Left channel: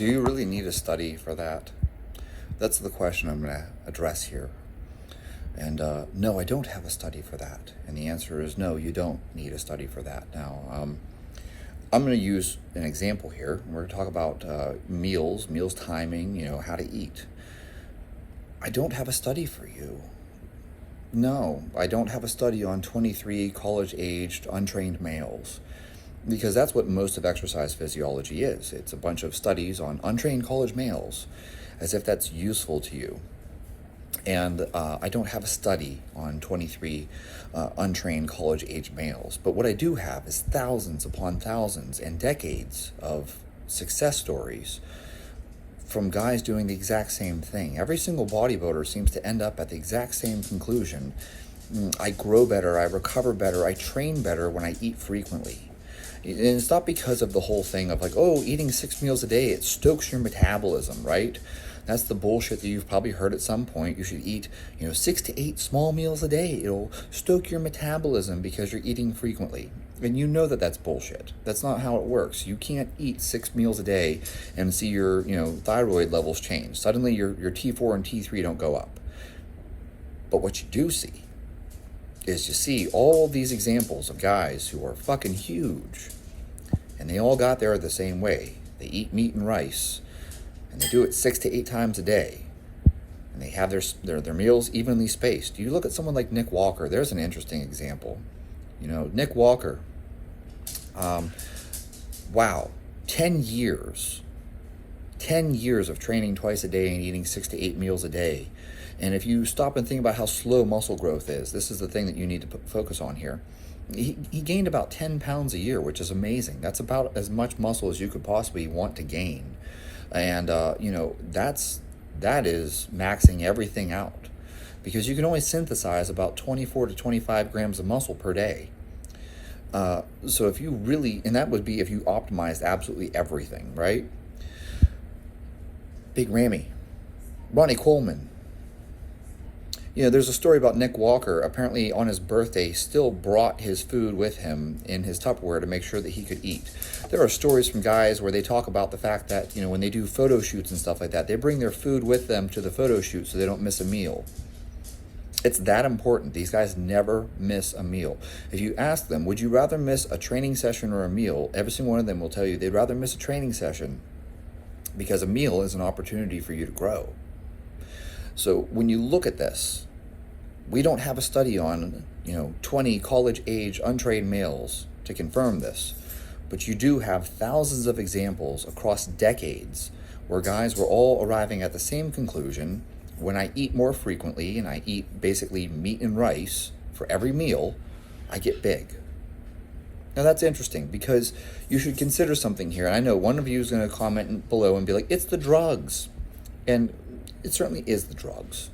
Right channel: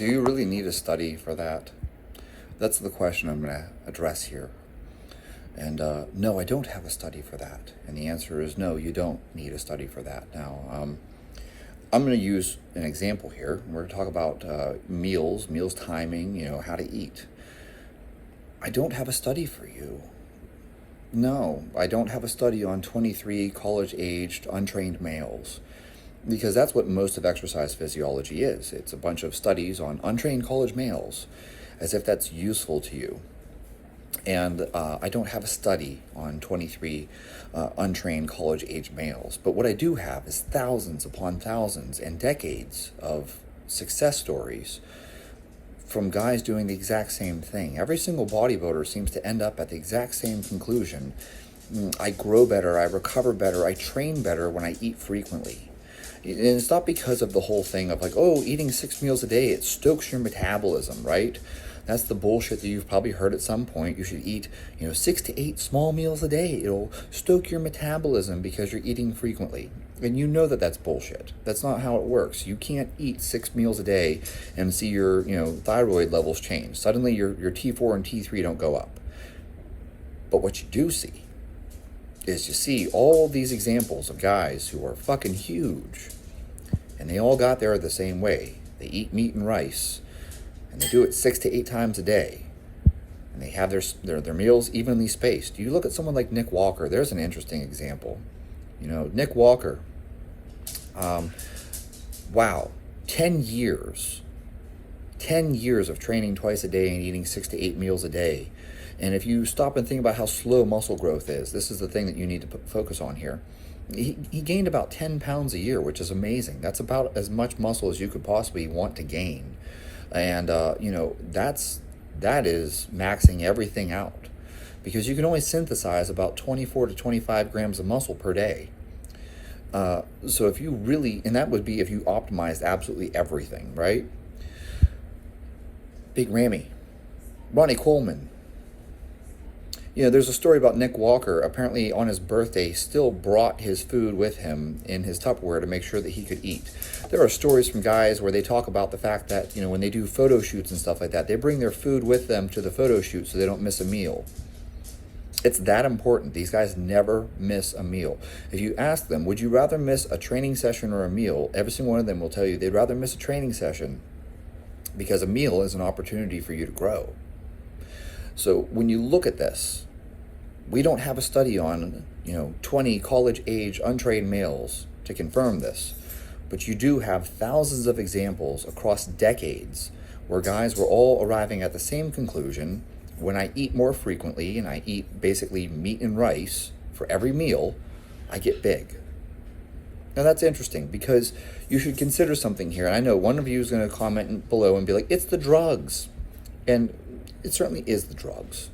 Do you really need a study for that? That's the question I'm going to address here. And no, I don't have a study for that. And the answer is no, you don't need a study for that. Now, I'm going to use an example here. We're going to talk about meals timing, how to eat. I don't have a study for you. No, I don't have a study on 23 college-aged untrained males, because that's what most of exercise physiology is. It's a bunch of studies on untrained college males, as if that's useful to you. And I don't have a study on 23 untrained college-age males. But what I do have is thousands upon thousands and decades of success stories from guys doing the exact same thing. Every single bodybuilder seems to end up at the exact same conclusion. I grow better, I recover better, I train better when I eat frequently. And it's not because of the whole thing of like, oh, eating 6 meals a day, it stokes your metabolism, right? That's the bullshit that you've probably heard at some point. You should eat, 6 to 8 small meals a day. It'll stoke your metabolism because you're eating frequently. And you know that that's bullshit. That's not how it works. You can't eat 6 meals a day and see your, thyroid levels change. Suddenly your T4 and T3 don't go up. But what you do see is you see all these examples of guys who are fucking huge. And they all got there the same way. They eat meat and rice. And they do it 6 to 8 times a day. And they have their meals evenly spaced. You look at someone like Nick Walker. There's an interesting example. Nick Walker, wow, 10 years of training twice a day and eating 6 to 8 meals a day. And if you stop and think about how slow muscle growth is, this is the thing that you need to focus on here. He gained about 10 pounds a year, which is amazing. That's about as much muscle as you could possibly want to gain. And, that is maxing everything out, because you can only synthesize about 24 to 25 grams of muscle per day. So if you really, and that would be if you optimized absolutely everything, right? Big Ramy, Ronnie Coleman. There's a story about Nick Walker. Apparently on his birthday, still brought his food with him in his Tupperware to make sure that he could eat. There are stories from guys where they talk about the fact that, when they do photo shoots and stuff like that, they bring their food with them to the photo shoot so they don't miss a meal. It's that important. These guys never miss a meal. If you ask them, would you rather miss a training session or a meal? Every single one of them will tell you they'd rather miss a training session, because a meal is an opportunity for you to grow. So when you look at this, we don't have a study on, 20 college-age untrained males to confirm this, but you do have thousands of examples across decades where guys were all arriving at the same conclusion: when I eat more frequently and I eat basically meat and rice for every meal, I get big. Now that's interesting, because you should consider something here. And I know one of you is going to comment below and be like, it's the drugs. And it certainly is the drugs.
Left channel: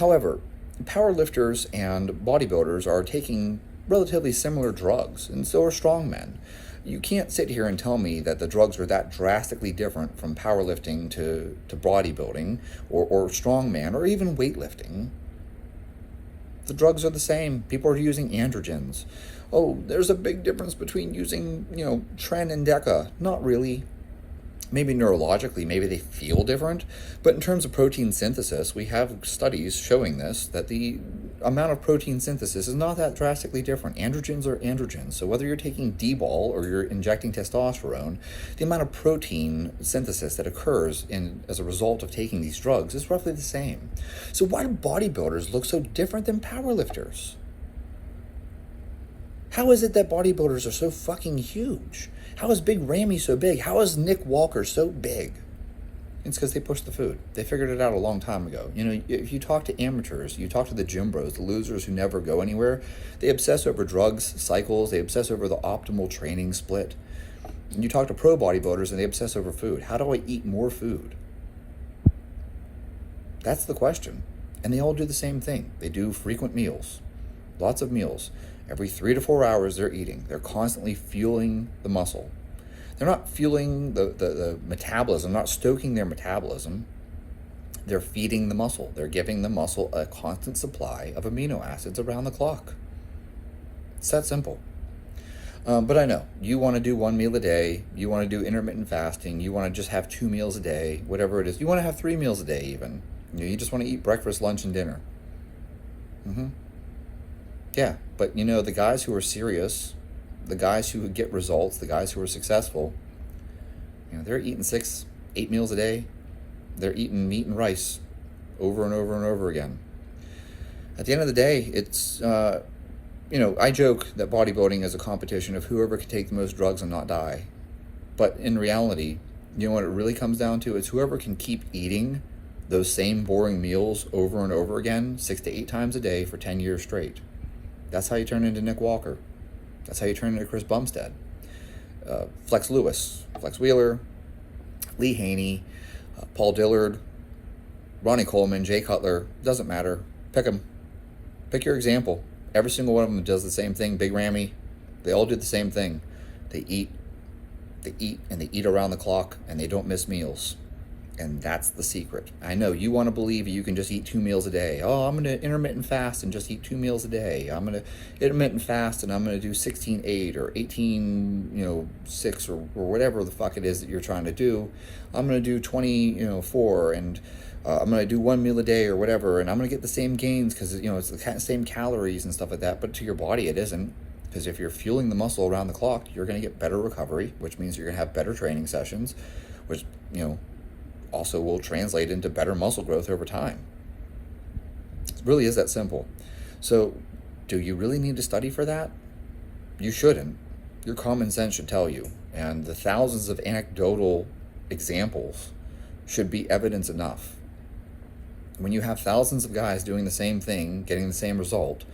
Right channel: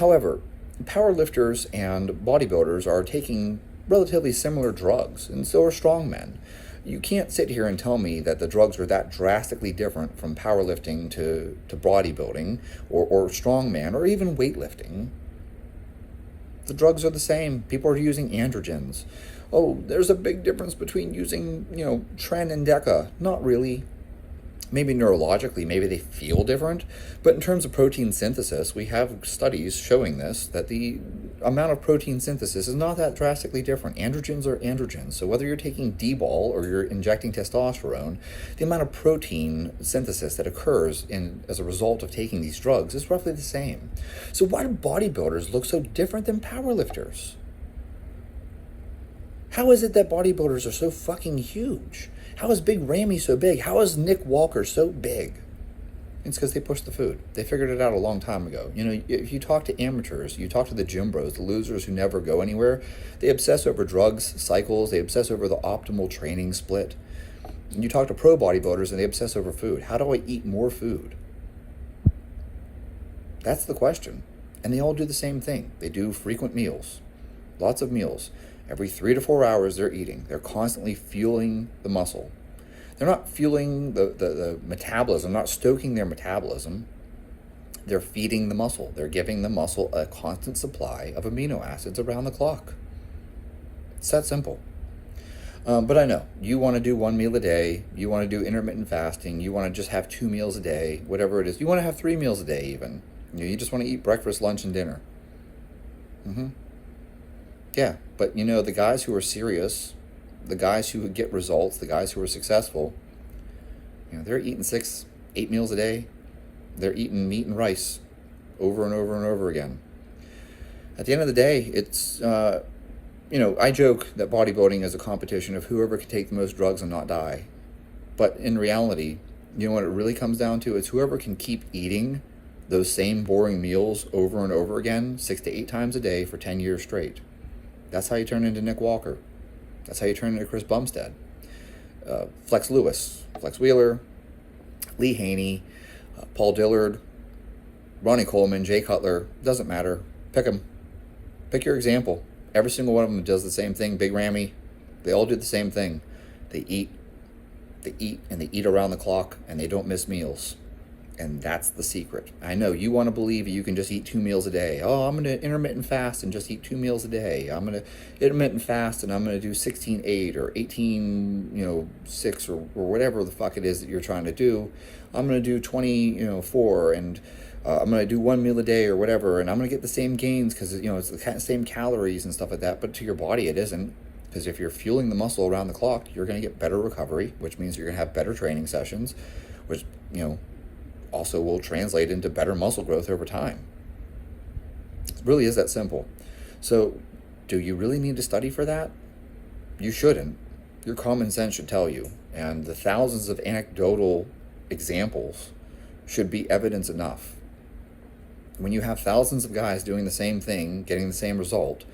However, powerlifters and bodybuilders are taking relatively similar drugs, and so are strongmen. You can't sit here and tell me that the drugs are that drastically different from powerlifting to bodybuilding or strongman or even weightlifting. The drugs are the same. People are using androgens. Oh, there's a big difference between using, Tren and Deca. Not really. Maybe neurologically, maybe they feel different, but in terms of protein synthesis, we have studies showing this, that the amount of protein synthesis is not that drastically different. Androgens are androgens, so whether you're taking D-bol or you're injecting testosterone, the amount of protein synthesis that occurs as a result of taking these drugs is roughly the same. So why do bodybuilders look so different than powerlifters? How is it that bodybuilders are so fucking huge? How is Big Ramy so big? How is Nick Walker so big? It's because they pushed the food. They figured it out a long time ago. If you talk to amateurs, you talk to the gym bros, the losers who never go anywhere, they obsess over drugs, cycles, they obsess over the optimal training split. And you talk to pro bodybuilders and they obsess over food. How do I eat more food? That's the question. And they all do the same thing. They do frequent meals, lots of meals. Every 3 to 4 hours they're eating. They're constantly fueling the muscle. They're not fueling the metabolism, not stoking their metabolism. They're feeding the muscle. They're giving the muscle a constant supply of amino acids around the clock. It's that simple. But I know you want to do one meal a day. You want to do intermittent fasting. You want to just have 2 meals a day, whatever it is. You want to have 3 meals a day, even. You just want to eat breakfast, lunch, and dinner. Yeah, but the guys who are serious, the guys who get results, the guys who are successful, they're eating 6, 8 meals a day. They're eating meat and rice over and over and over again. At the end of the day, it's, I joke that bodybuilding is a competition of whoever can take the most drugs and not die. But in reality, you know what it really comes down to? It's whoever can keep eating those same boring meals over and over again, 6 to 8 times a day for 10 years straight. That's how you turn into Nick Walker. That's how you turn into Chris Bumstead. Flex Lewis, Flex Wheeler, Lee Haney, Paul Dillard, Ronnie Coleman, Jay Cutler, doesn't matter. Pick them. Pick your example. Every single one of them does the same thing. Big Ramy, they all do the same thing. They eat, and they eat around the clock, and they don't miss meals. And that's the secret. I know you want to believe you can just eat 2 meals a day. Oh, I'm going to intermittent fast and just eat 2 meals a day. I'm going to intermittent fast and I'm going to do 16-8 or 18-6 or whatever the fuck it is that you're trying to do. I'm going to do 20-4 and I'm going to do 1 meal a day or whatever. And I'm going to get the same gains because it's the same calories and stuff like that. But to your body, it isn't. Because if you're fueling the muscle around the clock, you're going to get better recovery, which means you're going to have better training sessions, which, also will translate into better muscle growth over time. It really is that simple. So, do you really need to study for that? You shouldn't. Your common sense should tell you. And the thousands of anecdotal examples should be evidence enough. When you have thousands of guys doing the same thing, getting the same result,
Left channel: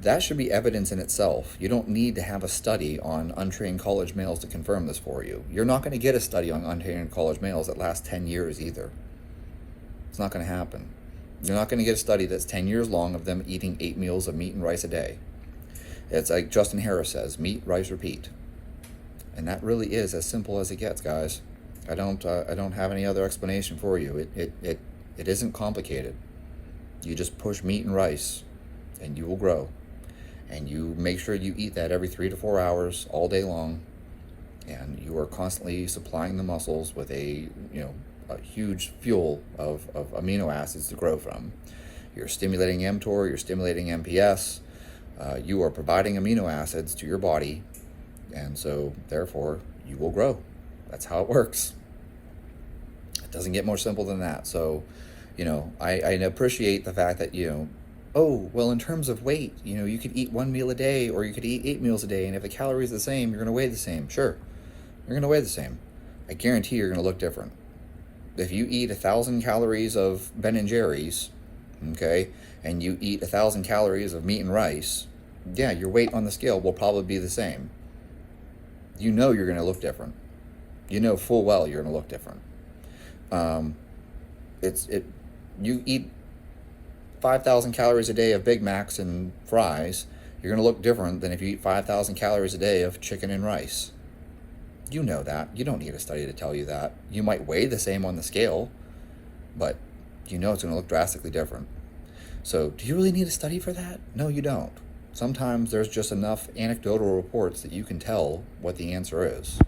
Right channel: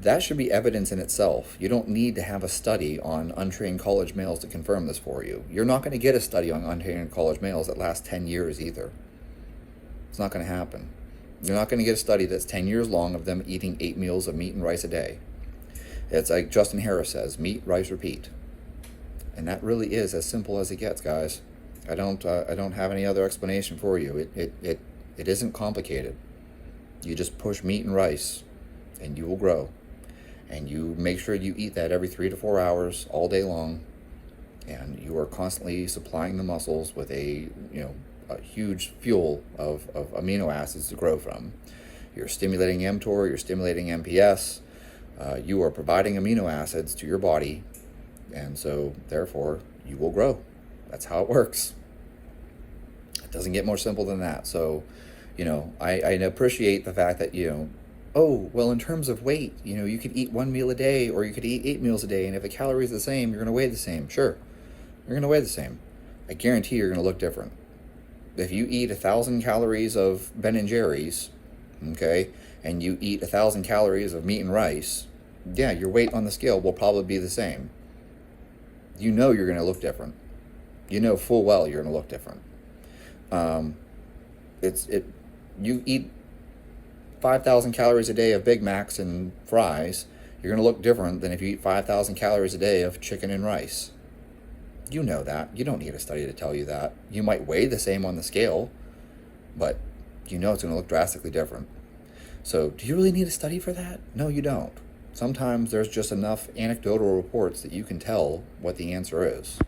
that should be evidence in itself. You don't need to have a study on untrained college males to confirm this for you. You're not going to get a study on untrained college males that lasts 10 years either. It's not going to happen. You're not going to get a study that's 10 years long of them eating 8 meals of meat and rice a day. It's like Justin Harris says, meat, rice, repeat. And that really is as simple as it gets, guys. I don't have any other explanation for you. It isn't complicated. You just push meat and rice, and you will grow. And you make sure you eat that every 3 to 4 hours all day long, and you are constantly supplying the muscles with a huge fuel of amino acids to grow from. You're stimulating mTOR, you're stimulating MPS, you are providing amino acids to your body, and so therefore you will grow. That's how it works. It doesn't get more simple than that. So, I appreciate the fact that, oh, well, in terms of weight, you could eat 1 meal a day or you could eat 8 meals a day. And if the calories are the same, you're going to weigh the same. Sure, you're going to weigh the same. I guarantee you're going to look different. If you eat 1,000 calories of Ben & Jerry's, okay, and you eat 1,000 calories of meat and rice, yeah, your weight on the scale will probably be the same. You're going to look different. Full well you're going to look different. You eat 5,000 calories a day of Big Macs and fries, you're going to look different than if you eat 5,000 calories a day of chicken and rice. You know that. You don't need a study to tell you that. You might weigh the same on the scale, but it's going to look drastically different. So, do you really need a study for that? No, you don't. Sometimes there's just enough anecdotal reports that you can tell what the answer is.